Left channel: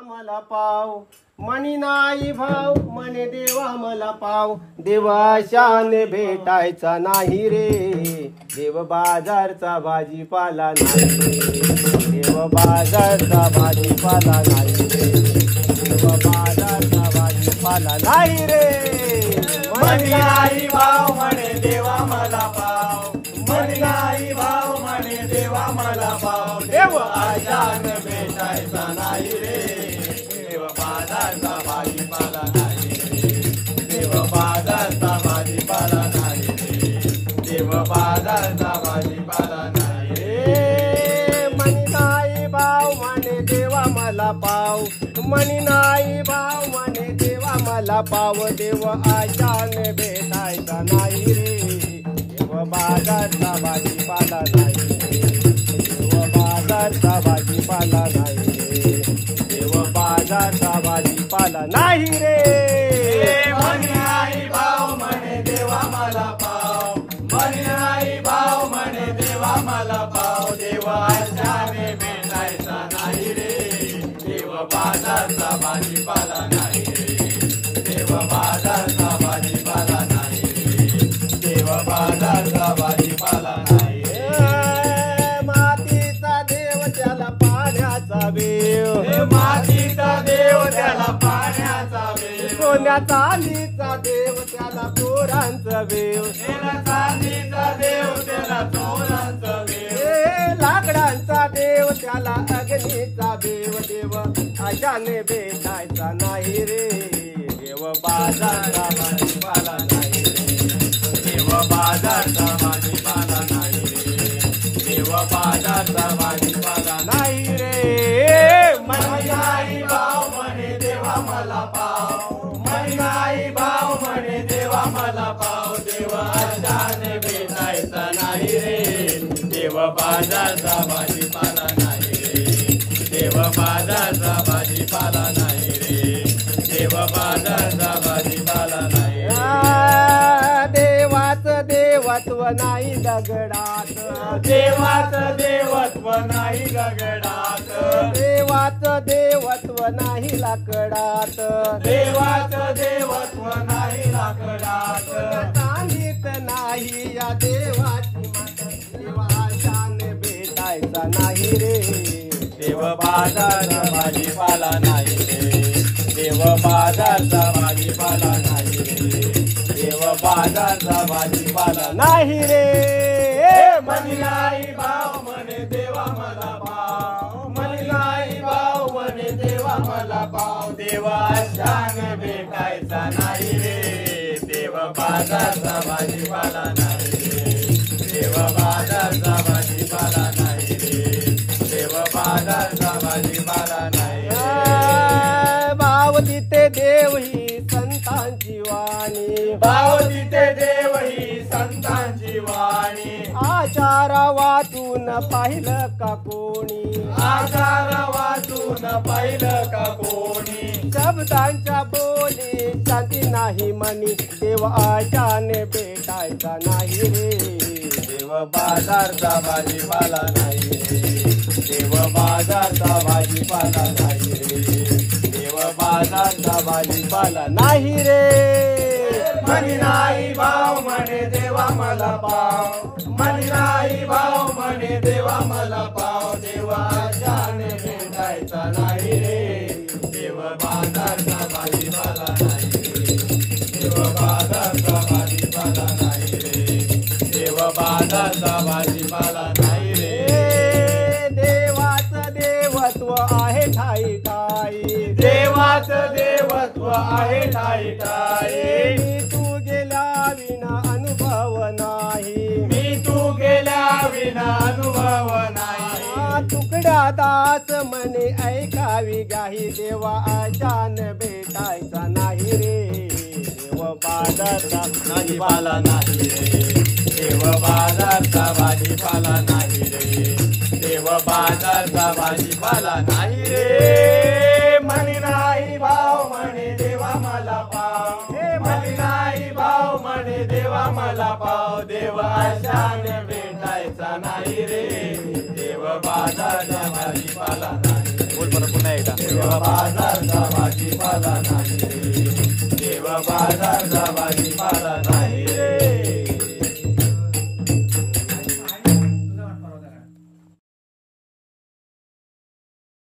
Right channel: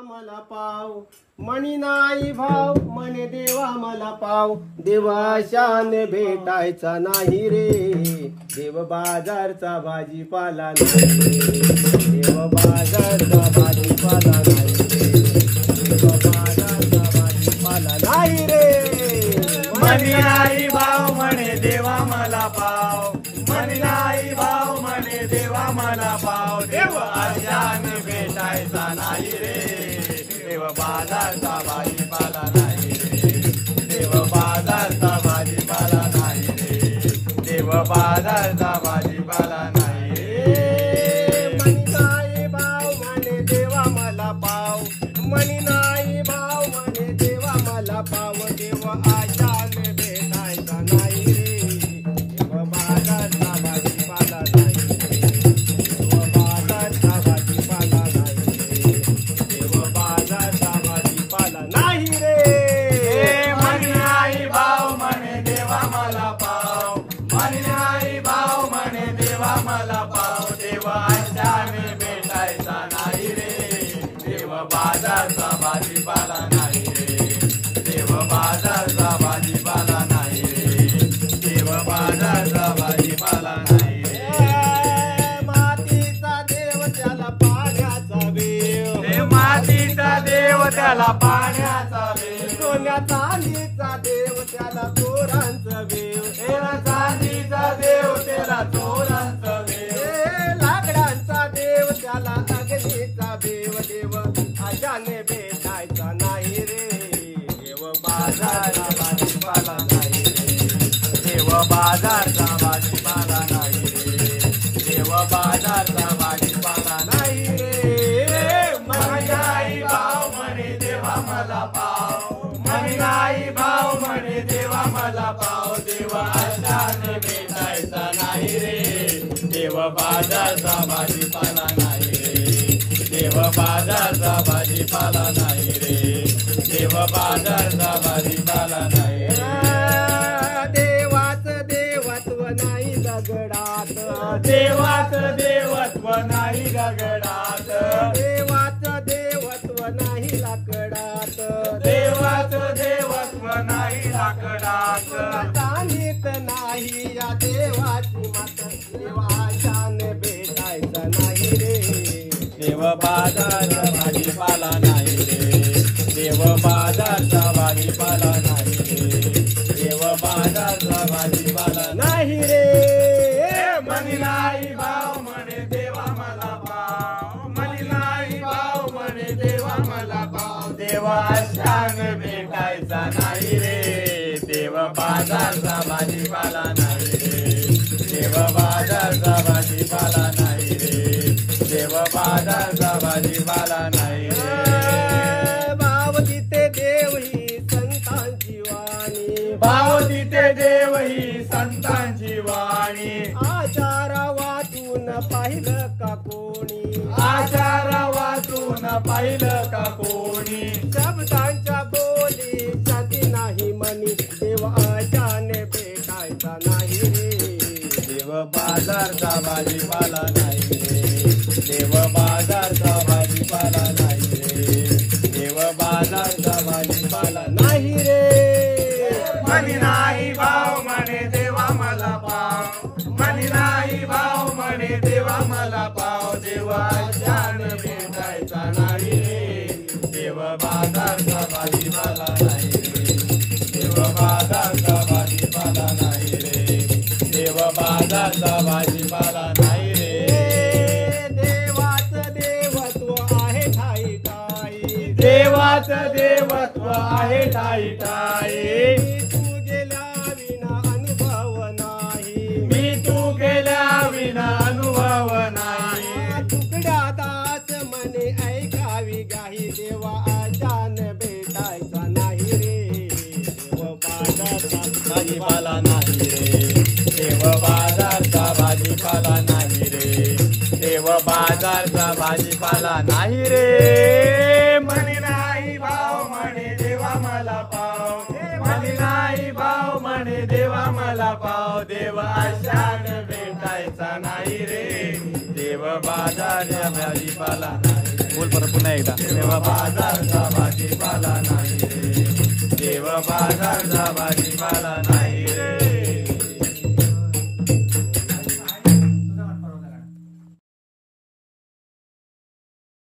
मला पाव मणी नाही भाव म्हणे देवा मला पाव देवाशाने भेटायचा नाही रे देव बाजारचा भाजीपाला नाही देव बाजारचा भाजीपाला नाही देव बाजारचा भाजीपाला नाही रे मणी नाही भाव म्हणे देवा मला पाव मणी नाही भाव म्हणे देवा मला पाव देव आशाने भेटायचा नाही रे देव बाजारचा भाजीपाला नाही देव बाजारचा भाजीपाला नाही देव बाजारचा भाजीपाला नाही मणी नाही भाव म्हणे देवा मला पाव मणी नाही भाव म्हणे देवा मला पाव देव आशाने भेटायचा नाही रे देव बाजारचा भाजीपाला नाही देव बाजारचा भाजीपाला नाही देव बाजारचा भाजीपाला नाही रे मणी नाही भाव म्हणे देवा मला पाव मणी नाही भाव म्हणे देवा मला पाव देव आशाने भेटायचा नाही रे देव बाजारचा भाजीपाला नाही देव बाजारचा भाजीपाला नाही देव बाजारचा भाजीपाला नाही मातीचा देव त्याला पाण्याचा देव हे मातीचा देव त्याला पाण्याचा वेव सोन्या चांदीचा देव त्याला चोरांचा देव चांदीचा देव त्याला चोरांचा वेव लाकडांचा देव त्याला अग्नीचा देव देव आशाने भेटायचा नाही रे देव बाजारचा भाजीपाला नाही देव बाजारचा भाजीपाला नाही देव बाजारचा भाजीपाला नाही रे मणी नाही भाव म्हणे देवा मला पाव मणी नाही भाव म्हणे देवा मला पाव देव आशाने भेटायचा नाही रे देव बाजारचा भाजीपाला नाही रे देव बाजारचा भाजीपाला नाही रे देव बाजारचा भाजीपाला नाही देवाचं देवत्व नाही दगडात देवाचं देवत्व नाही दगडात देवाचं देवत्व नाही लाकडात देवाचं देवत्व नाही लाकडात चांदीत नाही या देवाची मात देवाशाने भेटायचा नाही रे देव बाजारचा भाजीपाला नाही रे देव बाजारचा भाजीपाला नाही रे देव बाजारचा भाजीपाला नाही रे मणी नाही भाव म्हणे देवा मला पाव मणी नाही भाव म्हणे देवा मला पाव देवा आशाने भेटायचा नाही रे देव बाजारचा भाजीपाला नाही रे देव बाजारचा भाजीपाला नाही रे देव बाजारचा भाजीपाला नाही रे भाव तिथे देव ही संतांची वाणी भाव तिथे देव ही संतांची वाणी आचार वाचून पाहिलं का कोणी आजार वाचून पाहिलं का कोणी शब्दांच्या बोली शांती नाही मनी देव आशाने भेटायचा नाही रे देव बाजारचा भाजीपाला नाही देव बाजारचा भाजीपाला नाही देव बाजारचा भाजीपाला नाही रे मणी नाही भाव म्हणे देवा मला पाव मणी नाही भाव म्हणे देवा मला पाव देवा आशाने भेटायचा नाही रे देव बाजारचा भाजीपाला नाही देव बाजारचा भाजीपाला नाही रे देव बाजारचा भाजीपाला नाही रे देवाचं देवत्व आहे ठाई ठाई देवाचं देवत्व आहे ठाई ठाई मी तू गेल्या विना अनुभव नाही मी तू गेल्या विना अनुभव नाही तुकड्या दास म्हणे ऐकावी गाही देवा